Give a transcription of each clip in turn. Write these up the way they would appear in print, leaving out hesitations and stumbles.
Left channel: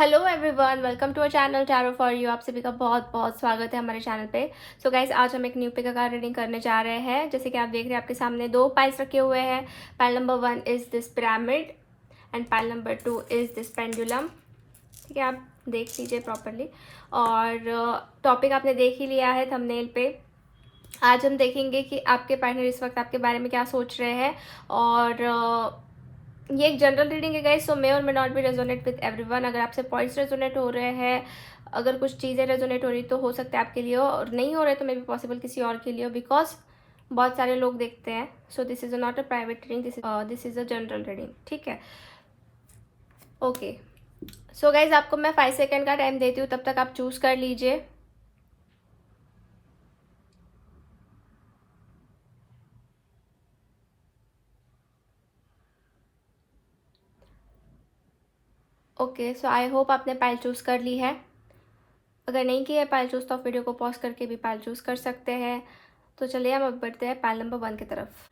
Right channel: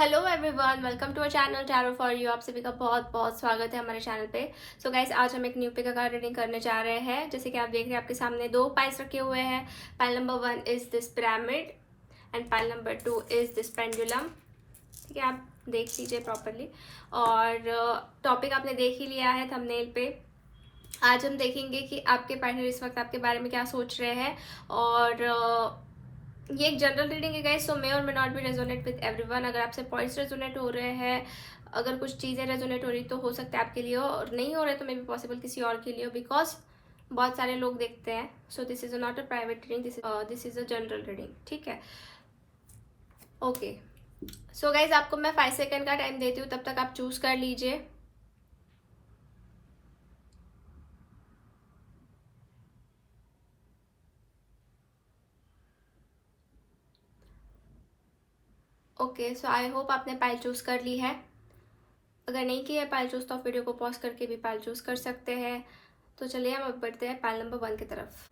Hello everyone, welcome to our channel tarot for you. आप सभी का बहुत बहुत स्वागत है हमारे चैनल पे। सो गाइस, आज हम एक न्यू पिक का रीडिंग करने जा रहे हैं। जैसे कि आप देख रहे हैं, आपके सामने दो पाइल्स रखे हुए हैं। Pile number 1 is this pyramid and pile number 2 is this pendulum. ठीक है, आप देख लीजिए प्रॉपरली। और टॉपिक आपने देख ही लिया है थंबनेल पे। आज हम देखेंगे कि आपके पार्टनर इस वक्त आपके बारे में क्या सोच रहे हैं। और ये एक जनरल रीडिंग है गाइस, सो मे और may not be resonate with everyone. अगर आपसे पॉइंट्स रेजोनेट हो रहे हैं, अगर कुछ चीज़ें रेजोनेट हो रही तो हो सकता है आपके लिए हो, और नहीं हो रहे तो मे बी पॉसिबल किसी और के लिए हो, बिकॉज बहुत सारे लोग देखते हैं। So this is not a private reading, this is a general reading. ठीक है, ओके। सो गाइज, आपको मैं 5 सेकेंड का टाइम देती हूँ, तब तक आप चूज कर लीजिए। ओके, सो आई होप आपने पाइल चूज कर ली है। अगर नहीं किया है पाइल चूज तो आप वीडियो को पॉज करके भी पाइल चूज कर सकते हैं। तो चलिए हम अब बढ़ते हैं पाइल नंबर 1 की तरफ।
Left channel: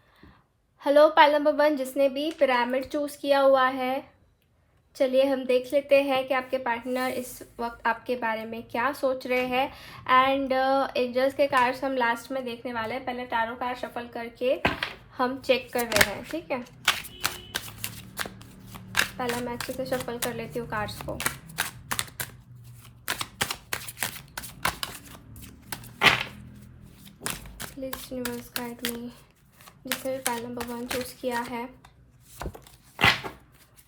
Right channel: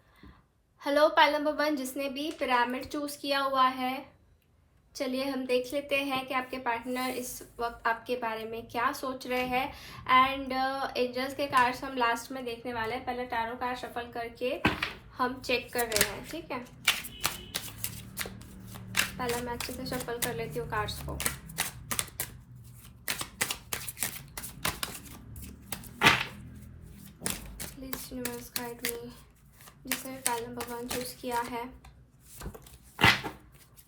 हेलो पाइल नंबर 1, जिसने भी पिरामिड चूज किया हुआ है, चलिए हम देख लेते हैं कि आपके पार्टनर इस वक्त आपके बारे में क्या सोच रहे हैं। एंड एंजल्स के कार्ड्स हम लास्ट में देखने वाले हैं। पहले टैरो कार्ड शफल करके हम चेक कर रहे हैं। ठीक है, पहले मैं अच्छे से शफल कर लेती हूँ कार्ड्स को। Please universe guide me. जिसने भी पाइल नंबर 1 चूज किया है,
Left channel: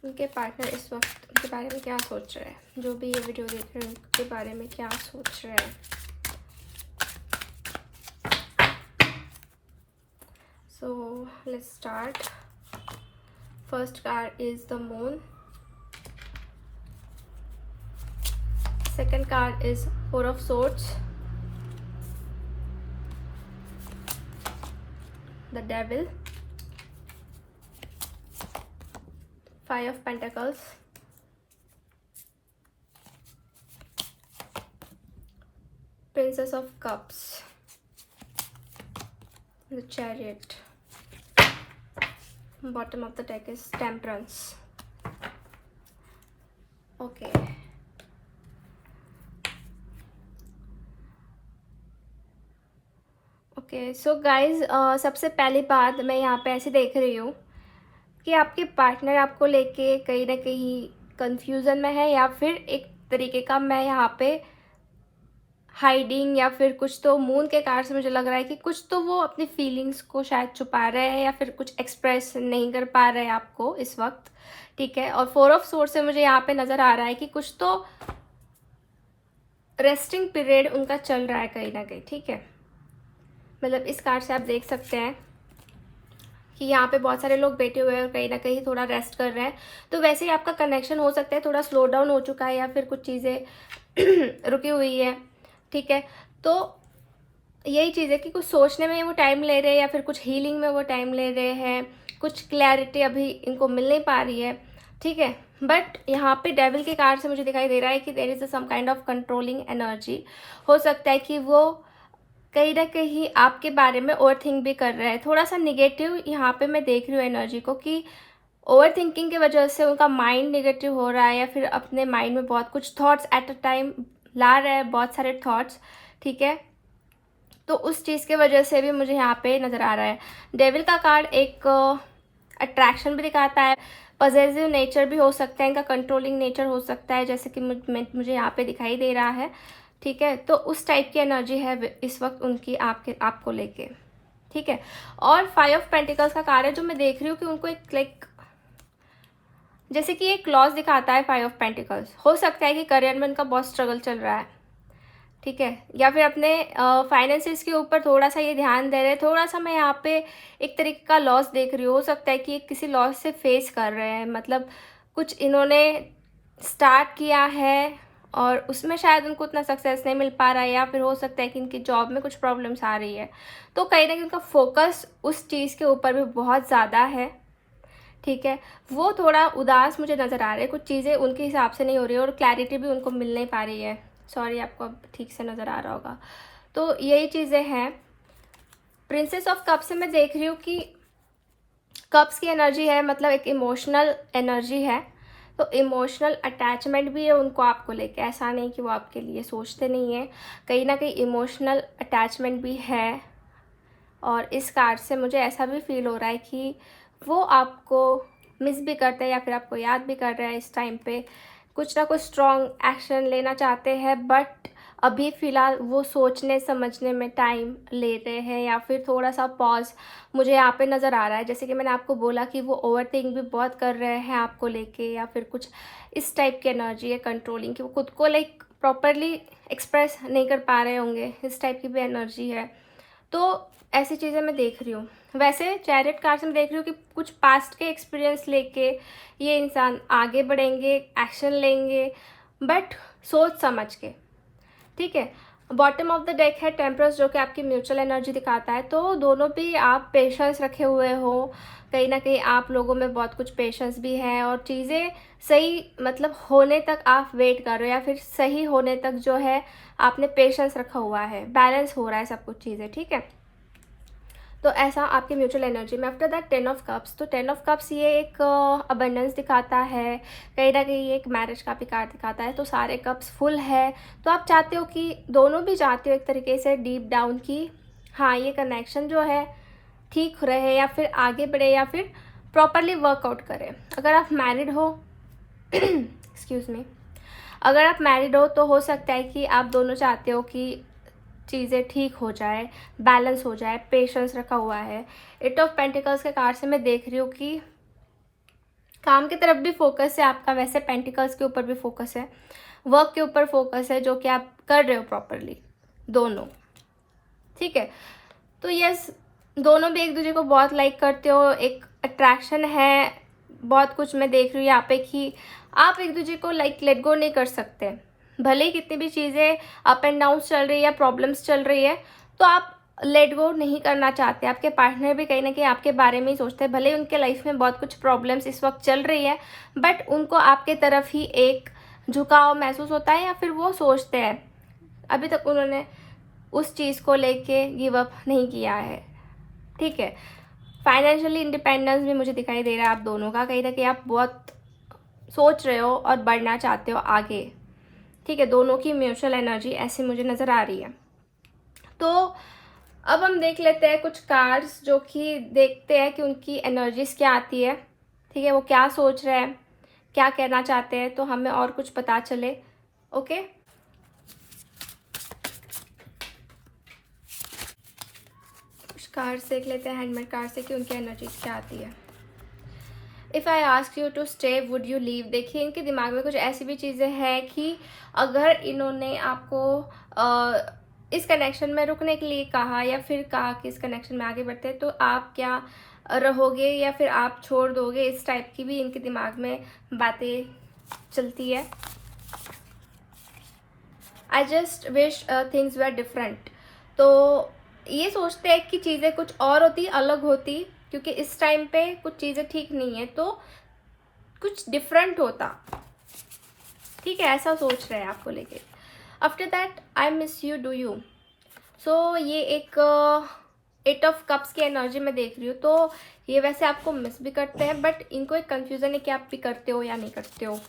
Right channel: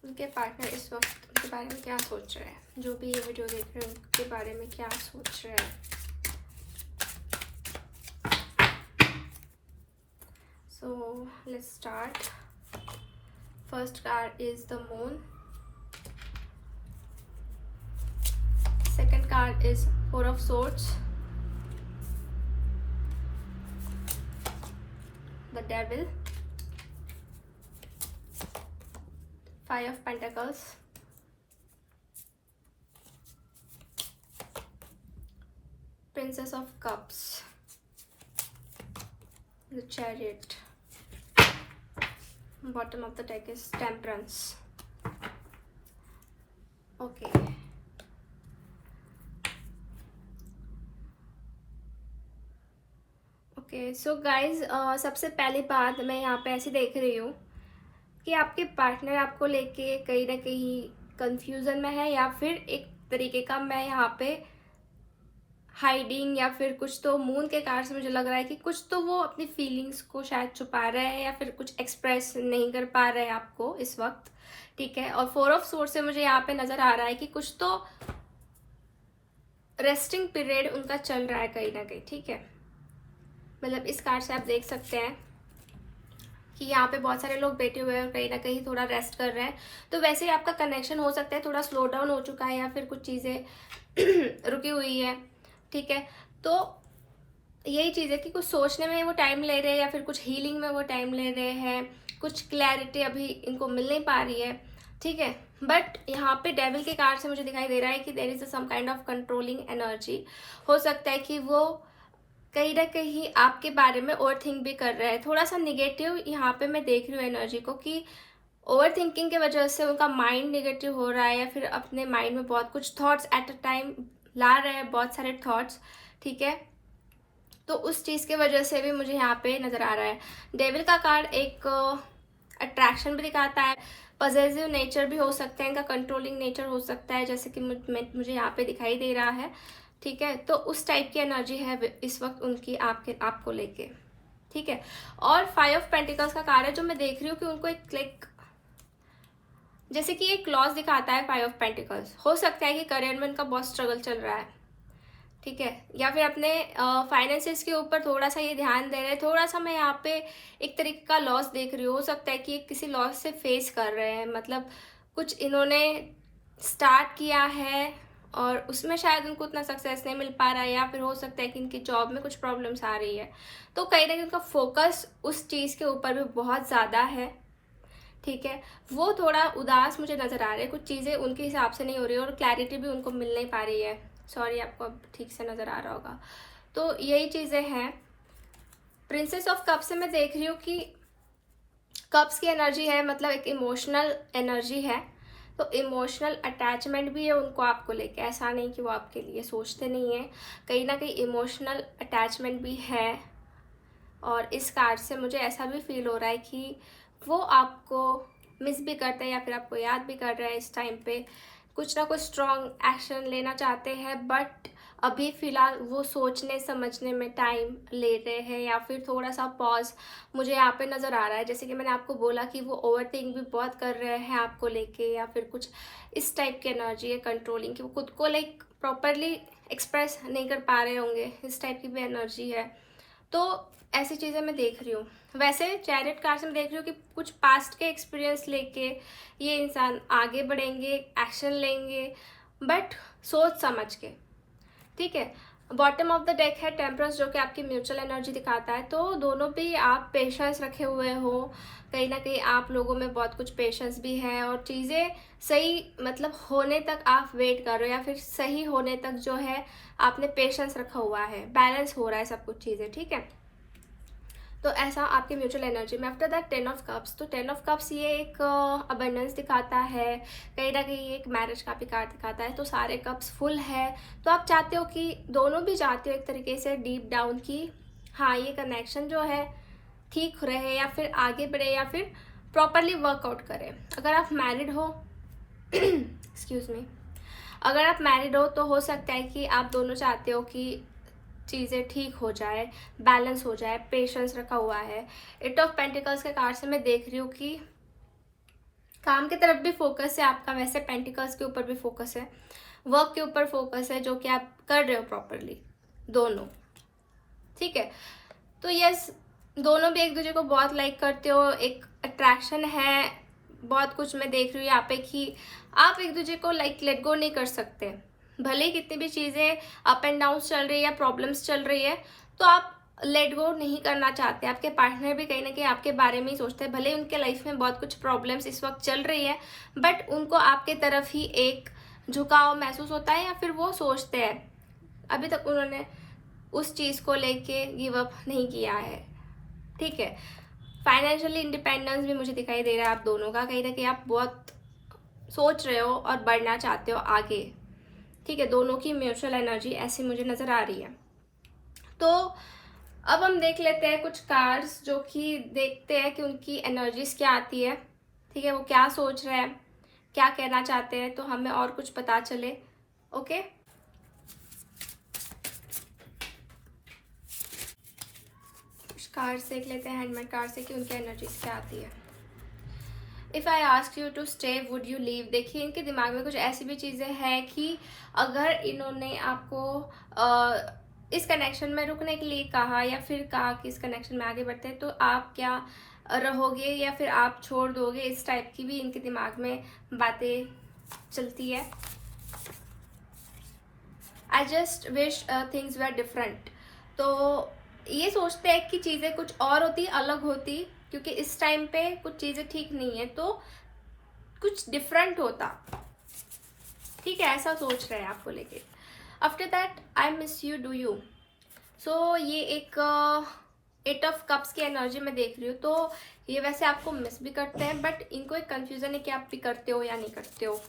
उनके पार्टनर इस वक्त उनके बारे में क्या सोच रहे हैं। जो भी ये वीडियो देख रहे हैं उनके बारे में क्या सोच रहे हैं। So let's start. First card is the moon. Second card is four of swords, the devil, five of pentacles, Princess of Cups, the Chariot, bottom of the deck is Temperance. Okay. Okay, so guys, सबसे पहली बात मैं यहाँ पे ऐसे देख रही हूँ कि आपके पार्टनर आपको लेके कहीं ना कहीं कंफ्यूजन में है, या फिर एक तरीके का मैं यहाँ पे हाइडिंग, या फिर कुछ तो मून के कार्ड से मुझे लग रहा है कि कुछ तो वो अपनी फीलिंग्स को शायद छुपा रहे हैं, या फिर कुछ एक्सप्रेस नहीं कर पा रहे हैं आपको इस वक्त। ठीक है, और फोर ऑफ सोर्ड से मुझे यहाँ पे नजर आ रहा है कि कुछ तो रेस्टिंग पीरियड उनका चल रहा है कहीं ना कहीं। ठीक है, मतलब इस कार्ड से आप देख सकते हैं कि यहाँ पे बहुत सारे लोग बैठे हुए हैं और कहीं ना कहीं थोड़ा रेस्ट कर रहे हैं। तो वैसे ही आपका कनेक्शन हो सकता है थोड़ा स्लो डाउन हो चुका है, या फिर कुछ चीज़ें रुकी हुई है। ठीक है, तो यही चीज़ है कि कुछ सोचने में वो टाइम ले रहे हैं, या फिर कुछ हीलिंग में वो टाइम ले रहे हैं। कुछ क्लैरिटी अभी इनको मिल नहीं पा रही है। ठीक है, बट यहाँ पे डेविल के कार्ड से मुझे दिखाई दे रहा है कि there is some kind of controlling energy. हो सकता है कि वो कहीं ना कहीं आपके बारे में ओवर थिंक भी कर रहे हैं। थोड़ा सा निगेटिव यहाँ पे मैं देख रही हूँ एनर्जी को, कि ओवर थिंकिंग की वजह से उनका माइंड निगेटिव हो रहा है, या फिर अपने माइंड में बहुत कुछ थॉट्स एट अ टाइम ला रहे हैं, बहुत सारे थॉट्स। ठीक है, तो उस चीज़ की वजह से भी मुझे यहाँ पे नज़र आ रहा है। डेविल का कार्ड एक अट्रैक्शन भी दिखाता है, पॉजिटिव नेचर भी हो सकता है, इनका कंट्रोलिंग नेचर हो सकता है, जैसे कि मुझे यहाँ पे दिखाई दे रहा है। ठीक है, तो उस टाइप की एनर्जी है इस वक्त उनकी आपको लेके। ठीक है, और फाइव ऑफ पेंटिकल्स का कार्ड है जो मैं देख रही हूँ कि उनको एक लाइक जैसे कि एक लॉस दिखाता है। फाइव ऑफ पेंटिकल्स हो सकता है कि करियर में उनका बहुत स्ट्रगल चल रहा है। ठीक है, या फिर अपने फाइनेंसिस के ऊपर थोड़ा सा ये ध्यान दे रहे हैं। थोड़ा सा मैं यहाँ पे एक तरीके का लॉस देख रही हूँ। हो सकता है कि किसी लॉस से फेस कर रहे हैं, मतलब कुछ इन्होंने स्टार्ट किया है और उसमें शायद उनको उतना सक्सेस नहीं मिल पा रहा है, या फिर हो सकता है कि इनकी जॉब में कुछ प्रॉब्लम्स आ रही है। तो कहीं ना कहीं उनका फोकस उस चीज़ के ऊपर भी बहुत ज़्यादा है। ठीक है, वो थोड़ा उदास मुझे नज़र आ रहे हैं, कुछ चीज़ें उनके हिसाब से नहीं हो रही है, और क्लैरिटी भी उनको मिल नहीं पा रही है। सॉरी, आपको अब ठीक से नज़र आ रहा होगा। तो यही चीज़ें हैं। प्रिंसेस ऑफ कप से मैं देख रही हूँ कि कप्स की एनर्जी है, मतलब एक इमोशनल एनर्जी है। तो इमोशनल अटैचमेंट भी है उनको आपको लेके, ऐसा नहीं कि वो आपके लिए सोचते नहीं है, कहीं ना कहीं इमोशनल अटैचमेंट भी है। और इस कार्ड से मुझे ऐसा भी फील हो रहा है कि वो आपको मिस भी करते हैं या फिर आपको याद भी कर रहे हैं इस टाइम पे, कुछ ना कुछ स्ट्रॉन्ग एक्शन लेना चाहते हैं, बट अभी फ़िलहाल वो सोचने समझने में टाइम ले रहे हैं या फिर थोड़ा सा पॉज मुझे यहाँ पे नज़र आ रहा है। जैसे कि मैंने आपको बोला कि वो ओवरथिंक भी बहुत कर रहे हैं आपको लेके, या फिर कुछ इस टाइप की एनर्जी है कंट्रोलिंग की, वो खुद को लाइक प्रॉपरली एक्सप्रेस नहीं कर पा रहे होंगे, इस टाइप की भी एनर्जी है। तो ऐसी चीज़ें मैं देख रही हूँ। वैसे चैरिट कार्ड्स में देख रही हूँ कि कुछ पास्ट के एक्सपीरियंस लेके ये इंसान आगे बढ़ेंगे, एक्शन लेंगे, बट सोच समझ के, ठीक है। बॉटम ऑफ द डेक है टेम्परस, जो कि आपकी म्यूचुअल एनर्जी दिखाता है। तो दोनों भी आप पेशेंस रखे हुए हो, कहीं ना कहीं आप लोगों में बहुत कुछ पेशेंस भी है, और चीज़ें सही मतलब होने तक आप वेट कर रहे हो, या फिर सही होने तक जो है आपने पेशेंस रखा हुआ है, बैलेंस हो रहा है सब कुछ चीज़ें, ठीक है। तो ऐसा आपकी म्यूचुअल एनर्जी में। आफ्टर दैट 10 ऑफ कप्स, तो 10 ऑफ कप्स ये एक अबंडेंस दिखाता है, कहीं ना कहीं एक मैरिज का भी कार्ड दिखाता है। तो सारे कप्स फुल है, तो आप चाहते हो कि दोनों भी चाहते हो एक तरीके से डीप डाउन की हाँ ये कनेक्शन जो है ठीक रहे, या फिर आगे बढ़े, या फिर प्रॉपरली वर्कआउट करे। अगर आप मैरिड हो एक्सक्यूज मी, अगर आप मैरिड हो तो हो सकता है कि आप दोनों चाहते हो कि चीज़ें ठीक हो जाए, बैलेंस हो जाए, पेशेंस रखा हुआ है। 8 ऑफ पेंटिकल्स के कार्ड से मैं देख रही हूँ कि काम की तरफ भी फोकस है आपका, वैसे पेंटिकल्स के ऊपर भी फोकस है, वर्क के ऊपर फोकस है, जो कि आप कर रहे हो प्रॉपरली दोनों, ठीक है। तो यस, दोनों भी एक दूसरे को बहुत लाइक करते हो, एक अट्रैक्शन है, बहुत कुछ मैं देख रही हूँ यहाँ पे कि आप एक दूसरे को लाइक लेट गो नहीं कर सकते, भले ही कितनी भी चीज़ें अप एंड डाउन चल रही है, प्रॉब्लम्स चल रही है, तो आप लेट गो नहीं करना चाहते। आपके पार्टनर भी कहीं ना कहीं आपके बारे में ही सोचते हैं, भले ही उनके लाइफ में बहुत कुछ प्रॉब्लम्स इस वक्त चल रही है, बट उनको आपके तरफ ही एक झुकाव महसूस होता है, या फिर वो सोचते हैं, अभी तक उन्होंने उस चीज़ को लेके गिव अप नहीं किया है, ठीक है। फाइनेंशियली इंडिपेंडेंस भी मुझे दिखाई दे रहा है आप दोनों का, कहीं ना कहीं आप बहुत सोच रहे हो और बढ़ना चाहते हो आगे, ठीक है। दोनों की म्यूचुअल एनर्जी ऐसी मुझे नज़र आ रही है। तो अब हम देख लेते हैं कुछ कार्ड्स, जो कि देखते हैं कि उनकी एनर्जीज क्या आती है, ठीक है, वो क्या सोच रहे हैं, क्या कहना चाहते हैं, तो हमें और कुछ पता चले। ओके, कुछ कार्ड्स देख लेते हैं हैंडमेड कार्ड से कि उनकी एनर्जीज क्या आती है। If I ask you to stay would you leave, देखिए इनके दिमाग में कुछ ऐसी भी चीज़ें हैं कि अगर इन्होंने आपको इस कनेक्शन में रुकने के लिए कहा, या फिर कहा कि इस कनेक्शन में आगे बढ़ते हैं, तो आप क्या रहोगे या फिर आप छोड़ दोगे, इस टाइप की भी इनके दिमाग में बातें चलती है। I just wish things were different, तो ये सोचते हैं कि चीज़ें कुछ और होती, अलग होती, क्योंकि इस टाइम पे कुछ चीज़ें ठीक नहीं है, तो कुछ डिफरेंट होता, ठीक है, ऐसा सोच रहे हैं आपको लेके। After that I miss you do you, so ये एक 8 ऑफ कप्स की एनर्जी में देख रही हूँ। तो ये वैसे आपको मिस भी करते हैं, बट इनको एक कंफ्यूजन है कि आप भी करते हो या नहीं करते हो।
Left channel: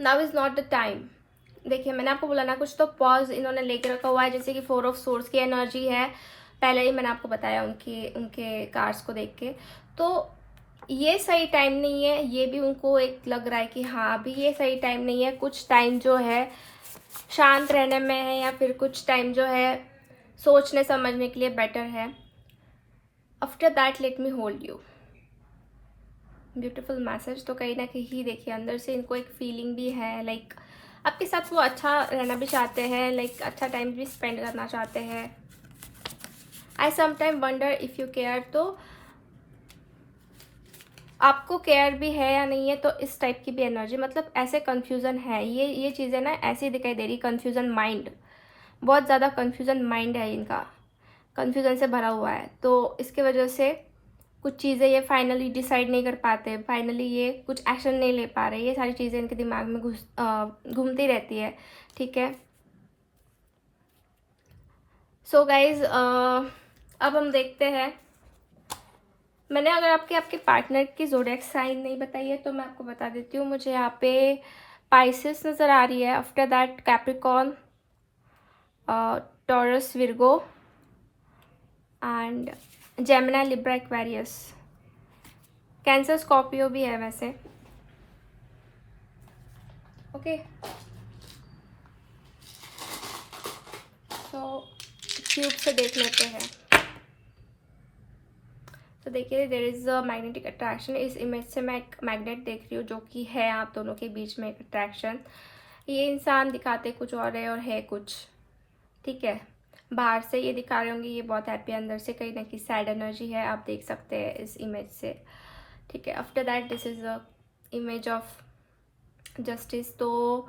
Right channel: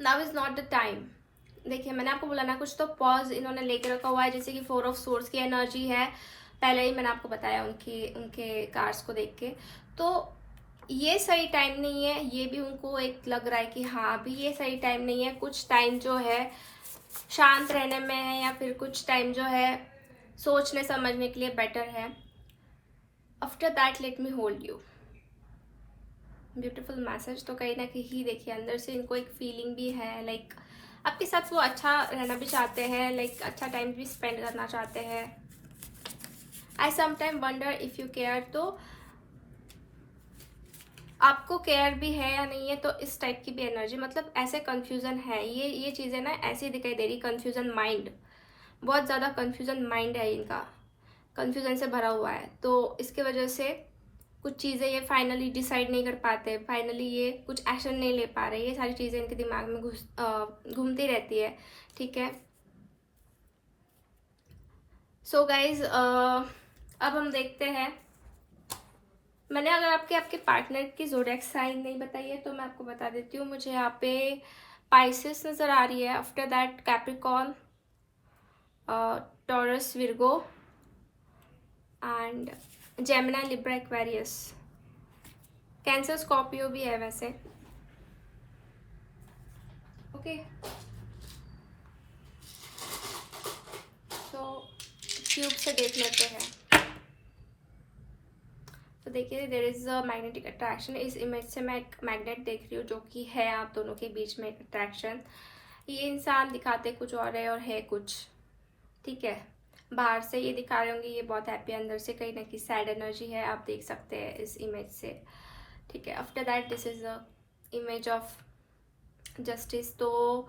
Now is not the time, देखिए मैंने आपको बोला ना, कुछ तो पॉज इन्होंने लेके रखा हुआ है, जैसे कि 4 ऑफ सोर्स की एनर्जी है, पहले ही मैंने आपको बताया उनके कार्ड्स को देख के। तो ये सही टाइम नहीं है, ये भी उनको एक लग रहा है कि हाँ अभी ये सही टाइम नहीं है, कुछ टाइम जो है शांत रहने में है, या फिर कुछ टाइम जो है सोचने समझने के लिए बेटर है। After that let me hold you, beautiful message. तो कहीं ना कहीं देखिए अंदर से इनको एक फीलिंग भी है, लाइक आपके साथ वो अच्छा रहना भी चाहते हैं, लाइक अच्छा टाइम भी स्पेंड करना चाहते हैं। आई sometime wonder if you care, तो आपको केयर भी है या नहीं है, तो इस टाइप की भी एनर्जी, मतलब ऐसे कंफ्यूजन है, ये चीज़ें ना ऐसी दिखाई दे रही, कंफ्यूजन माइंड, बहुत ज़्यादा कंफ्यूजन माइंड है इनका, कंफ्यूजन से भरा हुआ है। तो इसके वजह से कुछ चीज़ें ये फाइनली डिसाइड नहीं कर पाते, फाइनली ये कुछ एक्शन नहीं ले पा रहे, ये सारी चीज़ें इनके दिमाग में घूमती रहती है, ठीक है। सो गाइज अब हम देखते हैं मैंने अगर आपके पार्टनर की ज़ोडिएक साइन नहीं बताई है तो मैं आपको बता देती हूँ। मुझे यहाँ पे पाइसेस नज़र आ रही है, after that Capricorn, taurus, Virgo and Gemini, Libra, Aquarius. Cancer, Scorpio भी है वैसे। ओके, तो क्यूब से देख लेते हैं। तो देखिए, there is a magnetic attraction. इस इमेज से मैं एक मैग्नेट देख रही हूँ जो कि है आप दोनों के बीच में एक अट्रैक्शन। ये इंसान दिखाते कुछ और है कुछ, ठीक है। बाहर से ये दिखा रहे होंगे ये बहुत हैप्पी, अंदर से कहीं ना कहीं सैड एनर्जी है, आप देख सकते हैं इस इमेज से, ठीक है। After that this is a image of justice. तो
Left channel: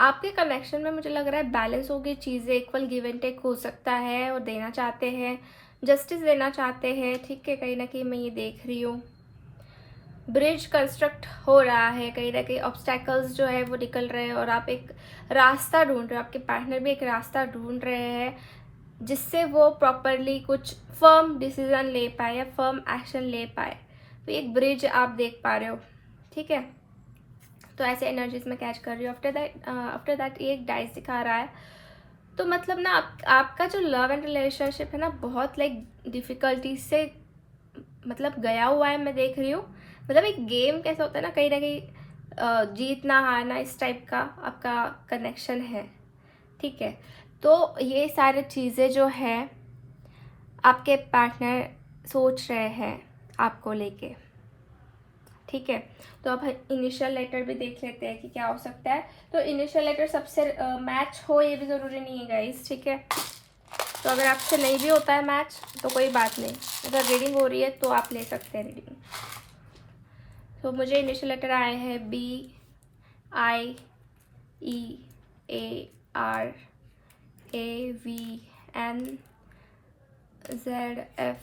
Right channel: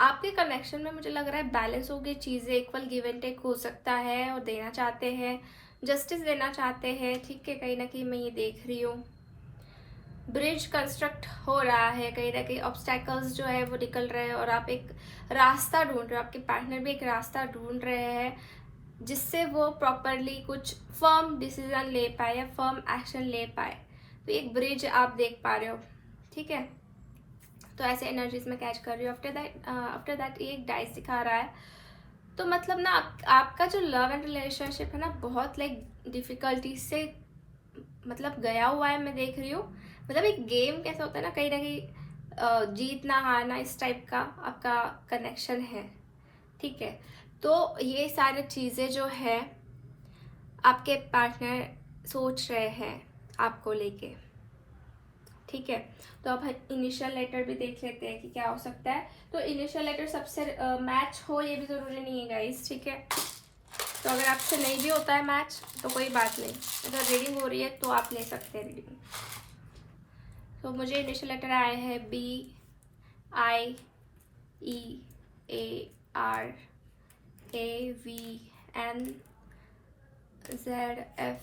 आपके कनेक्शन में मुझे लग रहा है बैलेंस होगी चीज़ें, इक्वल गिव एंड टेक हो सकता है, और देना चाहते हैं, जस्टिस देना चाहते हैं, ठीक है। कहीं ना कहीं मैं ये देख रही हूँ ब्रिज कंस्ट्रक्ट हो रहा है, कहीं ना कहीं ऑब्स्टैकल्स जो है वो निकल रहे हैं और आप एक रास्ता ढूंढ रहे हो, आपके पार्टनर भी एक रास्ता ढूंढ रहे हैं जिससे वो प्रॉपरली कुछ फर्म डिसीजन ले पाए या फर्म एक्शन ले पाए। तो एक ब्रिज आप देख पा रहे हो, ठीक है। तो ऐसे एनर्जीज में कैच कर रही हूँ। आफ्टर दैट ये एक डाइस दिखा रहा है। तो मतलब ना आपका जो लव एंड रिलेशनशिप है ना, बहुत लाइक डिफिकल्टी से मतलब गया हुआ है, मैं देख रही हूँ। मतलब एक गेम कैसा होता है ना कहीं जीतना हारना, इस टाइप का आपका कनेक्शन है, ठीक है। तो ये सारी चीज़ें जो हैं आपके पार्टनर सोच रहे हैं आपको लेके, ठीक है। तो अब इनिशियल लेटर भी देख लेते हैं कि क्या हो सकता है। तो इनिशियल लेटर सबसे मैच हो ये भी ज़रूरी नहीं है गाइस, ठीक है। तो अगर आपसे नहीं भी होता है मैच तो कोई बात नहीं, अगर रीडिंग हो रही है तो आप ले सकते हैं रीडिंग। तो मुझे इनिशियल लेटर आए हैं BIEARAVN ZFKKBRVL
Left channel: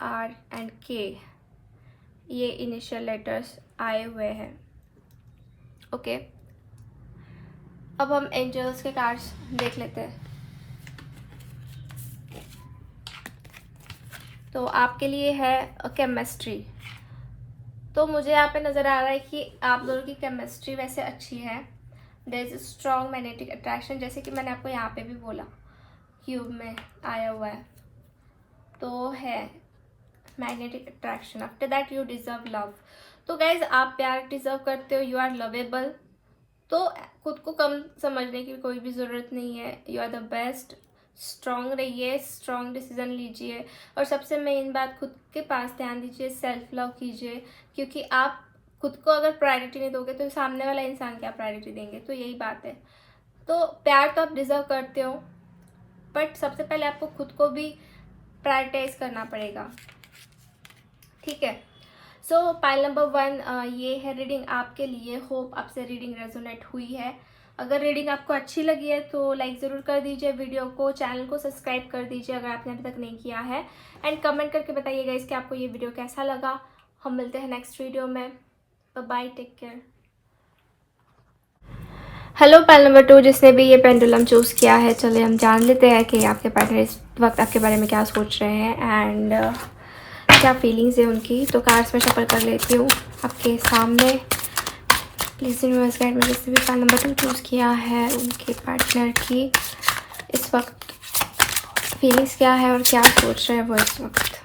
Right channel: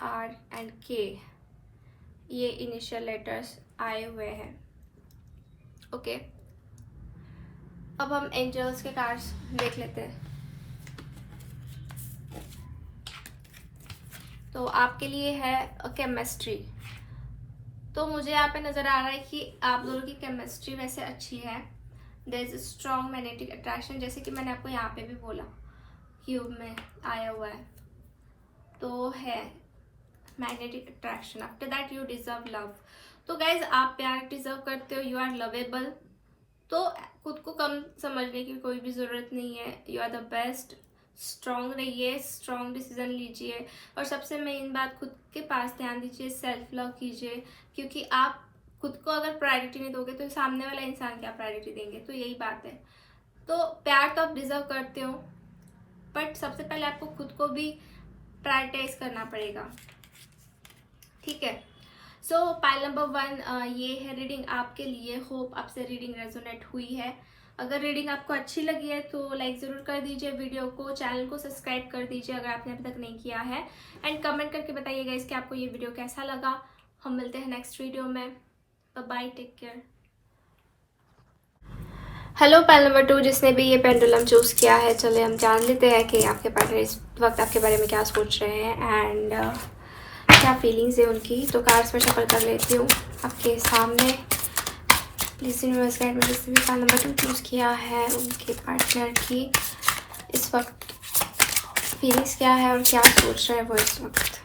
R and K, ये इनिशियल लेटर्स आए हुए हैं, ओके। अब हम एंजल्स के कार्ड्स देख लेते हैं। तो आपके लिए है केमिस्ट्री। तो मुझे यहाँ पे नज़र आ रहा है कि आप दोनों की केमिस्ट्री वैसे अच्छी है। There is strong magnetic attraction, जैसे कि मैंने आपको यहाँ पे भी बोला, क्यूब में आया हुआ है, तो है magnetic attraction. After that you deserve love. तो गाइज आप प्यार डिजर्व करते हो, यू आर लवेबल। तो खुद को कम समझने की कोई भी ज़रूरत नहीं है, you are the best. Strong रहिए, स्ट्रॉन्ग डिसीजन लीजिए, और सबसे मेन बात खुद के पास ध्यान दीजिए, सेल्फ लव कीजिए, क्योंकि आप खुद को अगर प्रायोरिटी नहीं दोगे तो सामने वाला इंसान क्या प्रायोरिटी देंगे। तो यही बात है। तो प्यार तो आप डिजर्व करते हो, बट सबसे पहले आपको खुद को भी प्रायोरिटाइज करना पड़ेगा, ठीक है। सो पाइल नंबर 1 ये है रीडिंग आपके लिए। होप आपसे रीडिंग रेजोनेट हुई है। अगर रीडिंग आपको अच्छी लगी है तो लाइक ज़रूर कर दीजिए वीडियो को, चैनल को सब्सक्राइब कर दीजिए अगर आपने अभी तक नहीं किया है, एंड कमेंट करके बताइएगा इसके आपको ये वीडियो कैसा लगा। हम मिलते हैं नेक्स्ट वीडियो में। Bye, take care. Hello pile number 2, जिसने भी ये पेंडुलम चूज़ किया है, चलिए हम जान लेते हैं कि आपके पार्टनर इस वक्त आपके बारे में क्या सोच रहे हैं एंड क्या फीलिंग्स है उनकी। तो कार्ड्स में शफल कर लेती हूँ आपके सामने। प्लीज़ यूनिवर्स गाइड में जिसने भी पाइल नंबर 2 चूज़ किया है उनके पार्टनर की इस वक्त फीलिंग्स क्या है और क्या सोच रहे हैं वो इस वक्त।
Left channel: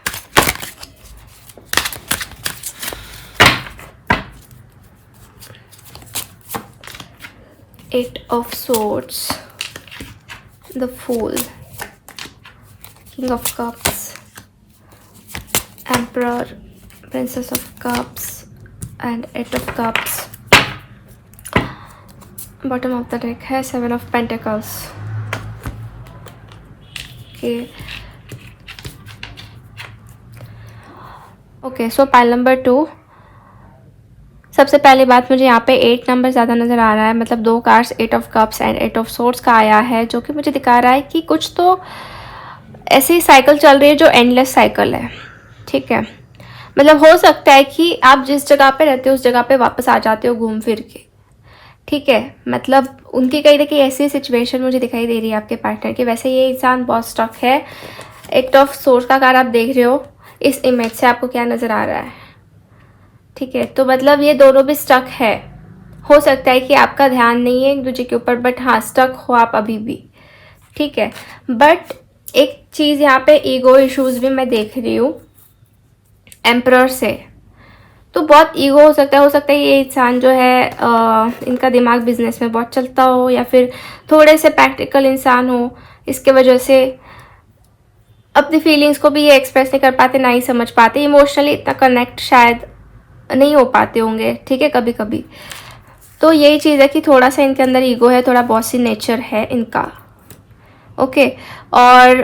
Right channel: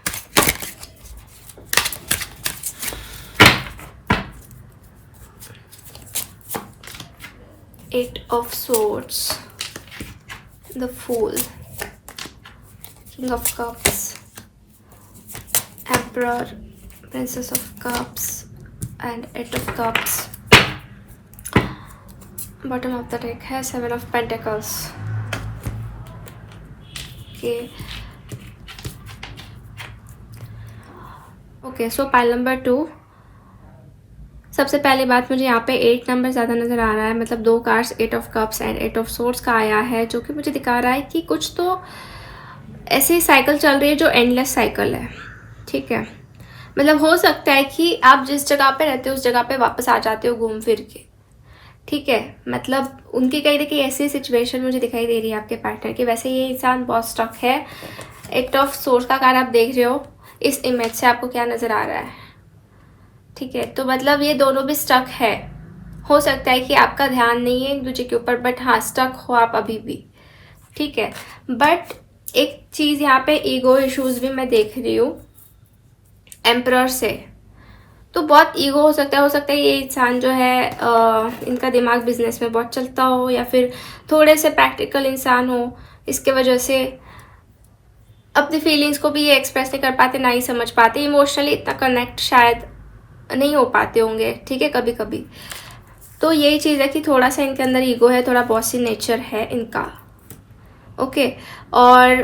Eight of Swords, the Fool, King of Cups, Emperor, Princess of Cups, and Eight of Cups. Bottom of the deck है Seven of Pentacles. Okay, so pile number 2. सबसे पहली बात, मुझे यहाँ पे 8 नंबर ज़्यादा नज़र आ रहा है, मतलब 2 cards 8 of cups and 8 of swords का आया है, जो कि मुझे दिखा रहा है कि कुछ तो ऐसी साइकिल चल रही है जो एंडलेस साइकिल है, ठीक है। मतलब हो सकता है कि आप जिस जगह पे रहते हो उस जगह पे वापस आ जाते हो घूम फिर के, ठीक है, मतलब उनकी कहीं ना कहीं ऐसी सिचुएशन मुझे दिखाई दे रही है आपके पार्टनर की। वैसे ये इंसान बहुत स्टक है। एट ऑफ सोर्स का कार्ड आप देख रहे हो, इस इमेज से आपको क्या नज़र आ रहा है? ठीक है, तो मतलब ये दोनों भी स्टक है। हो सकता है कि आपका ध्यान नहीं है एक दूसरे के ऊपर, बट हाँ स्टक हो आप अभी भी। ठीक है, बट एक चीज़ यहाँ पे ईगो इश्यूज भी मैं देख रही हूँ एम्परर से। तो बहुत ईगो हो सकता है ये इंसान जो है इनका दिमाग बिजनेस में बहुत चलता हो, या फिर थोड़े से प्रैक्टिकल इंसान हो। इसके वजह से अपनी फीलिंग्स को भी ये एक्सप्रेस नहीं कर पाते, ना ही समझ पाते, इमोशनली इतना कनेक्ट शायद नहीं हो पाते होंगे। ठीक है, कभी कभी तो यही चीज़ है कि थोड़ा सा इनके अंदर ईगो है, थोड़ा बॉसी नेचर है इनका। ओके, और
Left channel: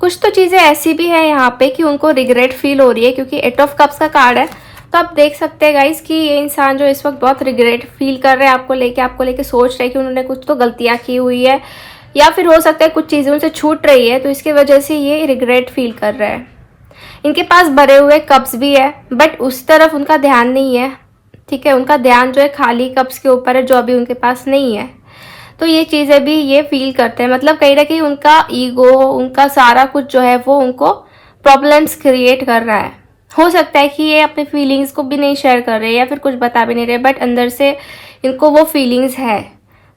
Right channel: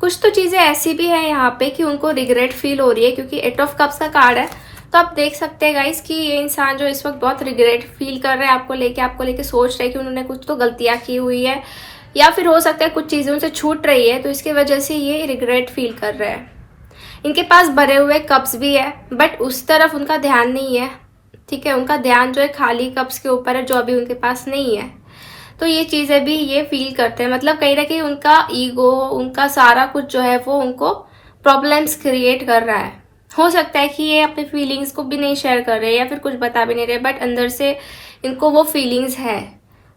कुछ तो चीज़ें ऐसी भी है यहाँ पे कि उनको रिग्रेट फील हो रही है, क्योंकि एट ऑफ कप्स का कार्ड है। तो आप देख सकते हैं गाइस कि ये इंसान जो इस वक्त बहुत रिग्रेट फील कर रहे हैं आपको लेके सोच रहे हैं कि उन्होंने कुछ तो गलतियाँ की हुई है, या फिर हो सकता है कुछ चीज़ें उनसे छूट रही है, तो इसकी वजह से ये रिग्रेट फील कर रहे हैं। इनके पास भरे हुए कप्स भी है, बट उस तरफ उनका ध्यान नहीं है। ठीक है, उनका ध्यान जो है खाली कप्स के ऊपर है, जो अभी उनके पास नहीं है। तो ये चीज़ें भी ये फील करते हैं, मतलब कहीं ना कहीं उनका ईगो, उनका सारा कुछ जो है वो उनको प्रॉब्लम्स क्रिएट कर रहा है। हो सकता है कि ये अपने फीलिंग्स को भी नहीं शेयर कर रहे या फिर कुछ बता भी नहीं रहे, बट अंदर से इनको वो फीलिंग्स है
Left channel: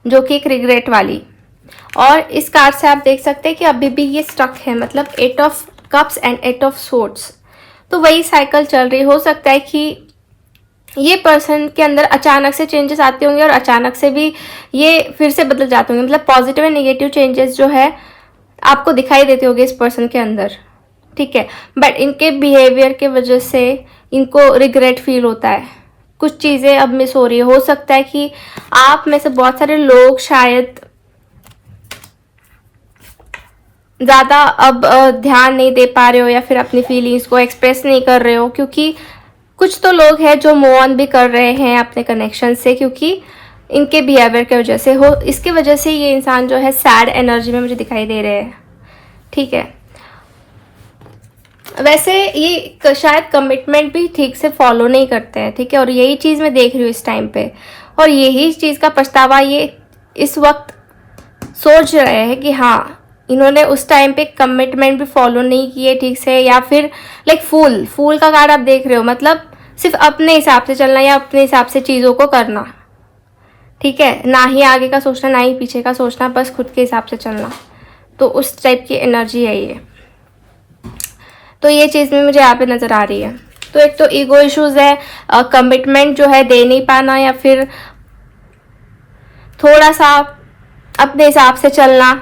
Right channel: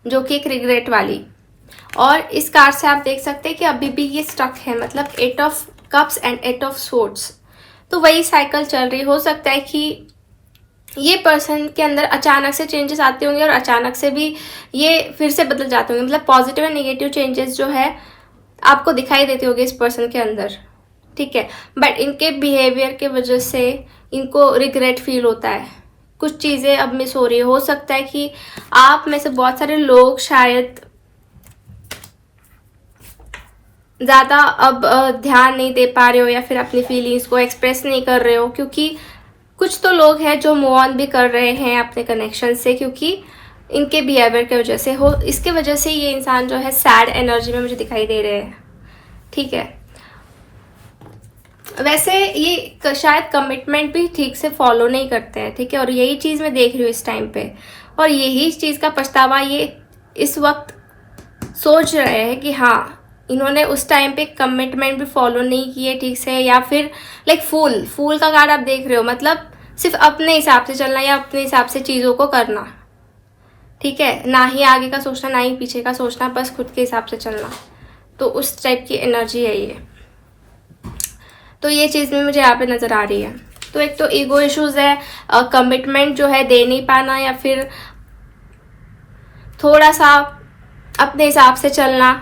जो कि एक रिग्रेट वाली। और इस कार्ड से आप देख सकते हैं कि अभी भी ये स्टक है, मतलब eight of cups and eight of swords. तो वही साइकिल चल रही। हो सकता है कि ये पर्सन के अंदर अचानक से चेंजेस आते होंगे और अचानक से भी ये फिर से बदल जाते होंगे, मतलब पॉजिटिव एंड नेगेटिव चेंजेस जो है आपको दिखाई देते होंगे इस पर्सन के अंदर। ठीक है, बट इनके बिहेवियर के वजह से इनको रिग्रेट फील होता है, कुछ चीज़ें अब मिस हो रही है। हो सकता है कि आप में से बहुत सारे लोग शायद ज़्यादा अब ध्यान नहीं दे पा रहे हो, या फिर अपनी फीलिंग्स को एक्सप्रेस नहीं कर रहे हो, क्योंकि कुछ तो लोग हैं जो मूव ऑन भी कर रहे हैं अपने कनेक्शन से, क्योंकि इनके बिहेवियर की वजह से हो। इसकी वजह से ये इंसान जो है सैड एनर्जी में मुझे दिखाई दे रहे हैं। ठीक है, वैसे ये शायद कमिटमेंट भी ठीक से फॉलो नहीं करते हैं। ठीक है, और यही चीज़ मैं देख रही हूँ इस टाइम पे, और यही चीज़ का पछतावा ये इस वक्त सोच रहे हैं कि हाँ इन्होंने उस टाइम पे कमिटमेंट भी फॉलो नहीं किए ठीक से, या फिर लाइक फूल का कार्ड आप देख रहे हो, मतलब सिर्फ अपने हिसाब से चलना या अपने हिसाब से चीज़ों को करना। ठीक है, ना ही आगे का सोचना ना ही पीछे का सोचना, बस खुद के हिसाब से चलना। तो उस टाइप की एनर्जी है ये। तो ये चीज़ भी मुझे यहाँ पे नज़र आ रही है। तो एक तो ईगो इश्यूज है, कमिटमेंट जो है दे नहीं पाना, या फिर थोड़ा सा अपने हिसाब से चलना।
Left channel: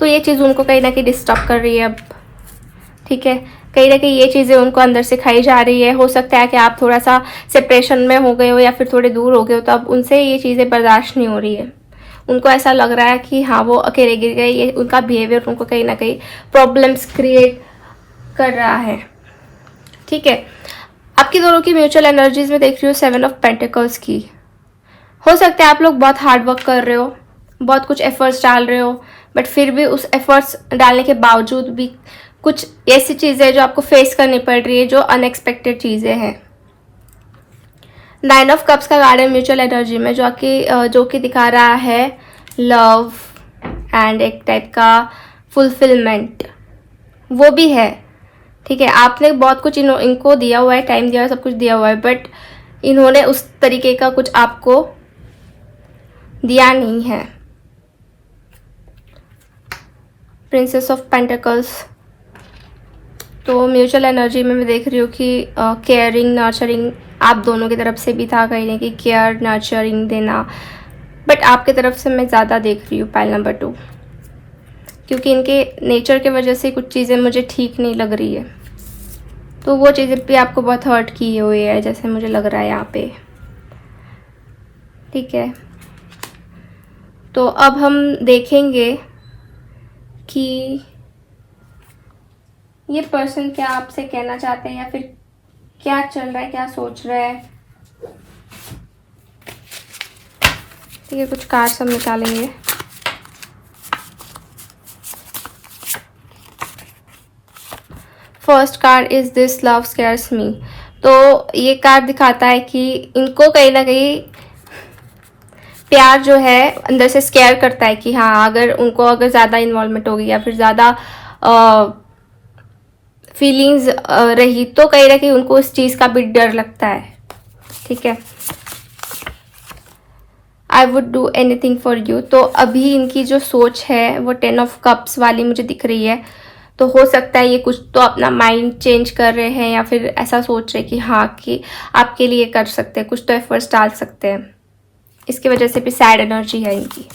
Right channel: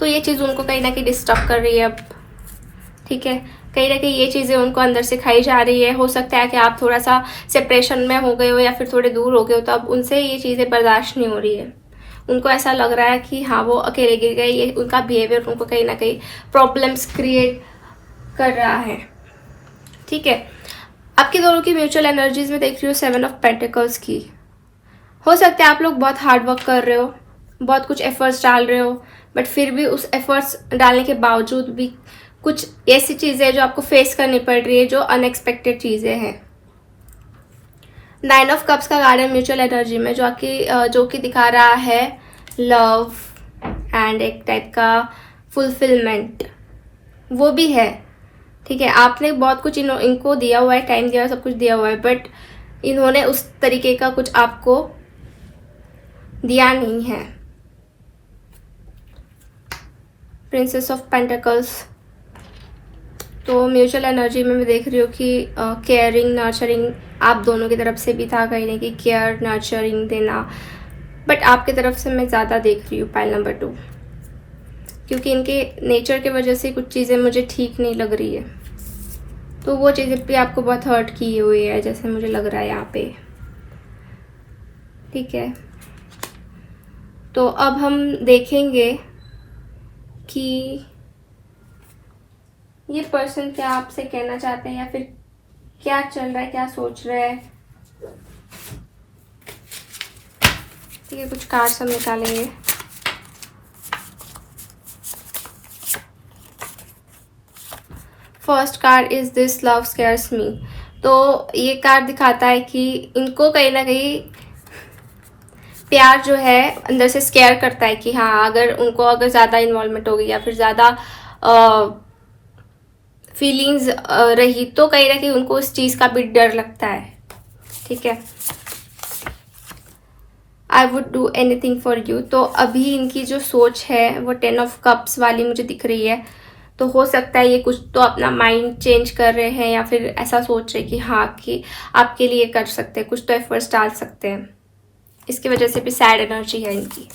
तो ये चीज़ उनको कहीं ना कहीं डिस्टर्ब कर रही है अब। ठीक है, कहीं ना कहीं ये चीज़ें उनको अंदर से खाई जा रही है। हो सकता है कि आप थोड़ा सा सेपरेशन में हो गए हो या फिर थोड़े दूर हो गए हो, तो अब उनसे ये चीज़ें बर्दाश्त नहीं हो रही है। उनको ऐसा लग रहा है कि हाँ वो अकेले गिर गए, ये उनका बिहेवियर उनको कहीं ना कहीं प्रॉब्लम्स क्रिएट कर रहा है। ठीक है, आपकी दोनों की म्यूचुअल एनर्जीज में देख रही हूँ 7 ऑफ पेंटिकल्स की। हो सकता है आप लोग बहुत हार्ड वर्क कर रहे हो, बहुत कुछ एफर्ट्स डाल रहे हो, बट फिर भी उस एफर्ट्स डालने के बावजूद भी कुछ ऐसी चीज़ें जो आपको फेस करनी पड़ रही है, जो अनएक्सपेक्टेड चीज़ें हैं। 9 ऑफ कप्स का कार्ड है म्यूचुअल एनर्जी में, जो कि दिखा रहा है लव एंड एक टाइप का फुलफिलमेंट, वो भी है। ठीक है, आपने बहुत कुछ इनको दिया हुआ है, टाइम दिया हुआ है, सब कुछ दिया हुआ है, बट इन्होंने उस तरीके का कुछ आपको दिया नहीं है। Princess of pentacles. तो म्यूचुअल एनर्जी में मैं देख रही हूँ कि केयरिंग नर्चरिंग आप दोनों की तरफ से भी था, कहीं ना कहीं केयर नर्चरिंग देना, बट आपकी तरफ से मैं ज़्यादा देख रही हूँ पाइल नंबर 2, क्योंकि इनके नेचर के वजह से कुछ चीज़ें मुझे ठीक नहीं लग रही है। तो वो चीज़ें भी आपको बहुत हर्ट की हुई है, जैसे मुझे लग रहा है यहाँ पे। ठीक है, तो अब हम देखेंगे कि ये पर्सन क्या आपसे कहना चाहते हैं, या फिर क्या चल रहा है, क्या सोच रहा है। ठीक है, कुछ कार्ड्स हम निकालेंगे। First card is this love scares me. तो ये कार्ड दिखाता है कि इनको कहीं ना कहीं प्यार जो है अंदर से स्केयर करता है कि हाँ अगर उनको अगर ज़्यादा इन्वॉल्वमेंट होगी या फिर ज़्यादा फीलिंग्स रही तो कहीं ना कहीं उनको उस चीज़ का भी डर लगता है, ठीक है। I would do anything for you, तो अभी इनकी जो सोच है वो 10 ऑफ कप्स वाली मुझे दिख रही है। तो हो सकता है ये कुछ तो अपना माइंड चेंज कर रहे हैं या फिर ऐसा सोच रहे कि हाँ कि आपके लिए कर सकते हैं, कुछ तो एफर्ट्स डाल सकते हैं। इसकी वजह से भी सैड एनर्जी है इनकी।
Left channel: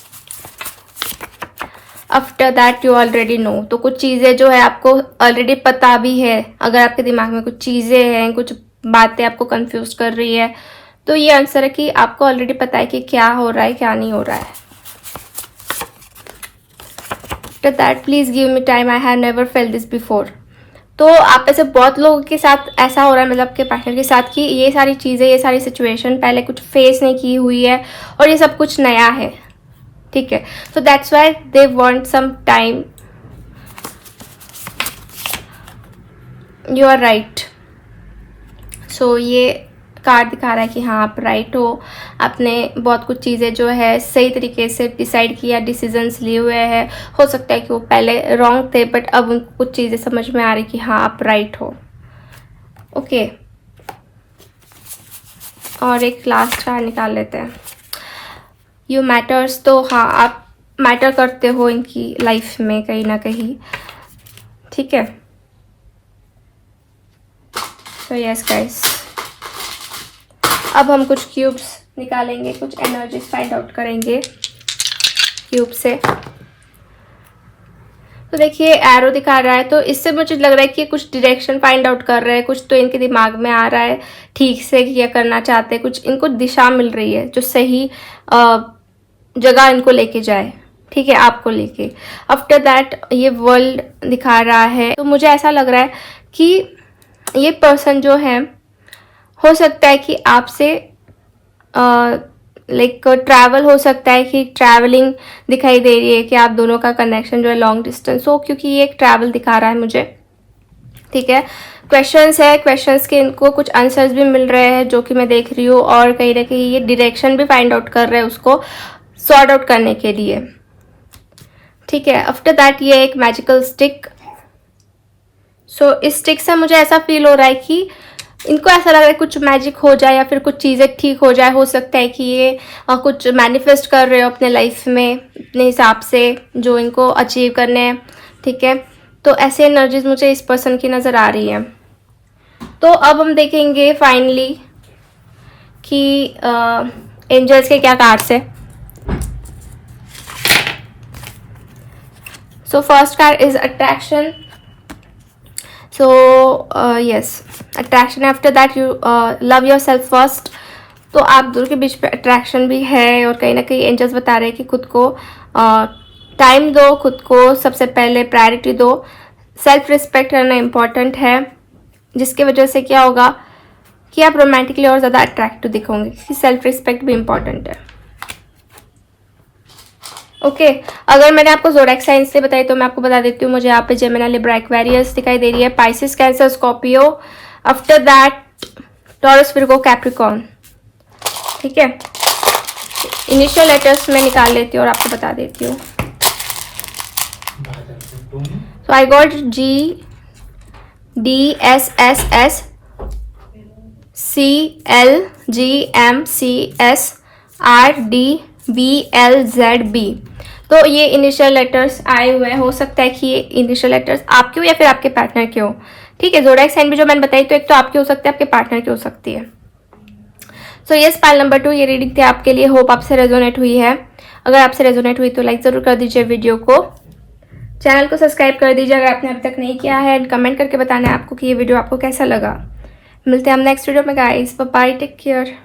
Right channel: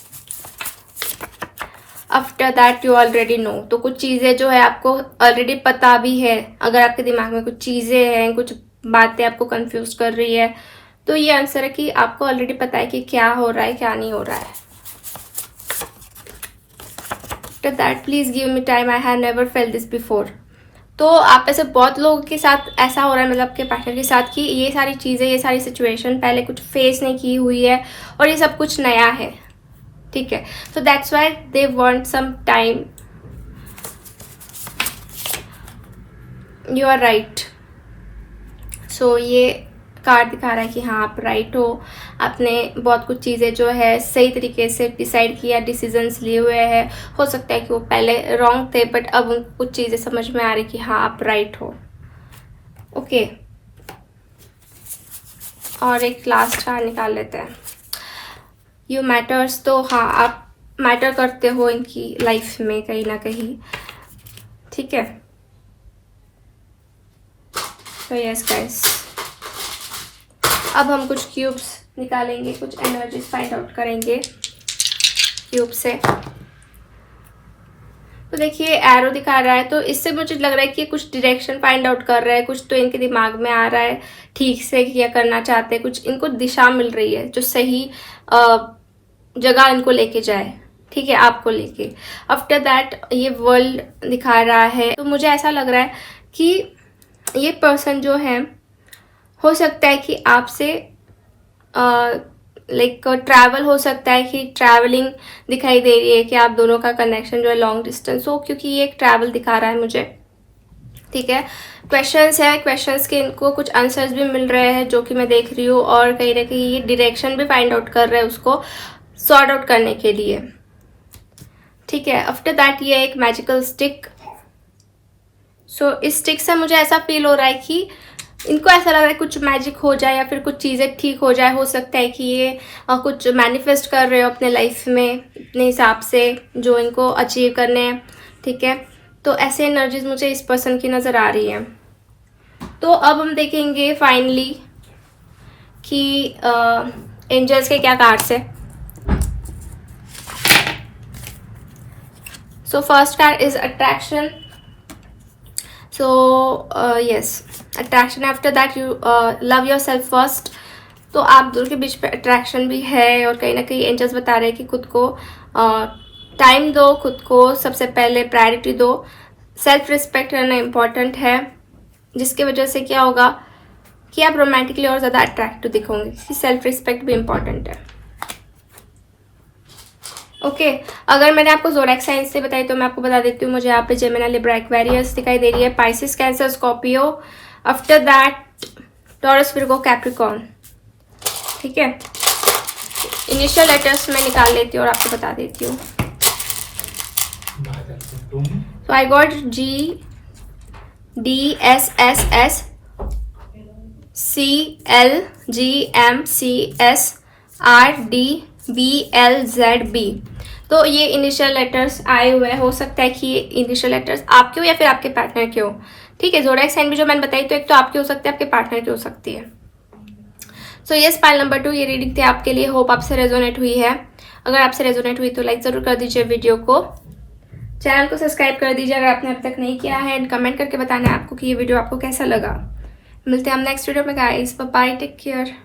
After that you already know, तो कुछ चीज़ें जो है आपको ऑलरेडी पता भी है। अगर आपके दिमाग में कुछ चीज़ें हैं, कुछ बातें आपको कंफ्यूज कर रही है, तो ये आंसर है कि आपको ऑलरेडी पता है कि क्या हो रहा है क्या नहीं हो रहा है। After that please give me time, I have never felt this before. तो आप ऐसे बहुत लोगों के साथ ऐसा हो रहा है, मतलब आपके पार्टनर के साथ, कि ये सारी चीज़ें, ये सारी सिचुएशन पहले कुछ फेस नहीं की हुई है और ये सब कुछ नया है, ठीक है। तो that's why they want some time. You are right. So ये कार्ड दिखा रहा है कि हाँ आप राइट हो। आपने बहुत कुछ चीज़ें जो है सही तरीके से डिसाइड किया, डिसीजंस लिए हुए हैं। हो सकता है कि वो पहले रॉन्ग थे बट अब उनको कुछ चीज़ें समझ में आ रही कि हाँ आप राइट हो। ओके, और एक लास्ट कार्ड निकाल लेते हैं। यू मैटर्स, तो हाँ आप मैटर करते हो इनकी लाइफ में कहीं ना कहीं, ठीक है। तो यस गाइस, अब हम कुछ क्यूब्स निकालेंगे, कुछ एनर्जीज फाइंड आउट करेंगे क्यूब से। तो देखिए एरो दिखा रहा है, तो इससे मुझे लग रहा है कि कुछ डायरेक्शन फाइंड आउट कर रहे हैं, कुछ तो इनके दिमाग में आ रहा है ठीक से क्या करना चाहते हैं, कुछ इनको दिशा मिल रही है जो सही जगह इनको लेके जाए, ठीक है, आपको लेके। आफ्टर दैट ये वर्ल्ड दिखा रहा है, तो मुझे ऐसा लग रहा है कि ये पर्सन जो है हो सकता है कि आपसे लाइक ट्रैवल हो सकता है, कि ट्रैवलिंग दिखाई दे रही है कि आप दोनों का कनेक्शन जो है लॉन्ग डिस्टेंस हो, क्योंकि ये एक ट्रैवल दिखा रहा है मुझे, ठीक है। क्वेश्चंस है, क्वेश्चंस के इनको कुछ आंसर्स भी मिल रहे हैं जो कि मैं देख रही हूँ, और कहीं ना कहीं ये डायरेक्शन भी फाइंड आउट कर रहे हैं उसको सॉर्ट आउट करने के लिए, ठीक है। आफ्टर दैट ये एक मैजिकल स्टिक। सो इस स्टिक से मुझे ऐसा फील हो रहा है कि इनको ऐसा लग रहा है कुछ मैजिक हो जाए या फिर कुछ चीज़ें ठीक हो जाए। हो सकता है कि ये कुछ मैनिफेस्ट कर रहे हो अपने लाइफ में अपने हिसाब से जो इनको अचीव करने हैं, ठीक है। तो ऐसे एनर्जीज मुझे इस पर्सन की नज़र आ रही है। तो अब हम देखेंगे फाइनली कि एंजल्स के क्या कार्ड्स है। So first card is attraction. So yes, attraction. After that you love yourself first. तो आप दोनों के बीच पे अट्रैक्शन भी है, और कहीं ना कहीं एंजल्स बता रहे हैं कि खुद को टाइम दो, खुद को सबसे पहले प्रायोरिटी दो। सेल्फ रिस्पेक्ट करना इम्पॉर्टेंट है, जिसकी वजह से क्या होगा कि आप रोमांटिकली और ज़्यादा अट्रैक्टिव दिखोगे, क्योंकि सेल्फ रिस्पेक्ट भी इम्पॉर्टेंट है। ओके, अगर मैंने आपको ज़ोडिएक साइंस से बताई तो मैं आपको बता देती हूँ, मुझे यहाँ पे जेमिनी, लिब्रा, एक्वेरियस दिखाई दे रही है, Pisces, cancer, Scorpio. After that taurus, Virgo, Capricorn, ठीक है। इनिशियल लेटर्स में निकाल लेती हूँ और आपको बता देती हूँ। तो I got G, D, S, S, S, C, L, G, M, C, S, R, D, B, L, Z, B। तो ये इनिशियल लेटर्स आए हुए हैं। हो सकता है कि ये इनिशियल लेटर्स आपके हो या फिर आपके पार्टनर के हो, ठीक है। ज़ोडिएक साइन भी जो मैंने बताई, तो एक तो आपके हो सकते हैं, आपके पार्टनर की हो सकती है। सो यस, पाइल नंबर 2 ये रीडिंग थी आपके लिए। होप आपसे रेजोनेट हुई है। अगर आपसे रेजोनेट हुई तो लाइक ज़रूर कर दीजिए वीडियो को, चैनल को सब्सक्राइब कर दीजिए अगर आपने अब तक नहीं किया है, एंड कमेंट करके बताना है आपको कि ये वीडियो आपको कैसा लगा। मिलते हैं हम नेक्स्ट वीडियो में guys, bye bye, take care.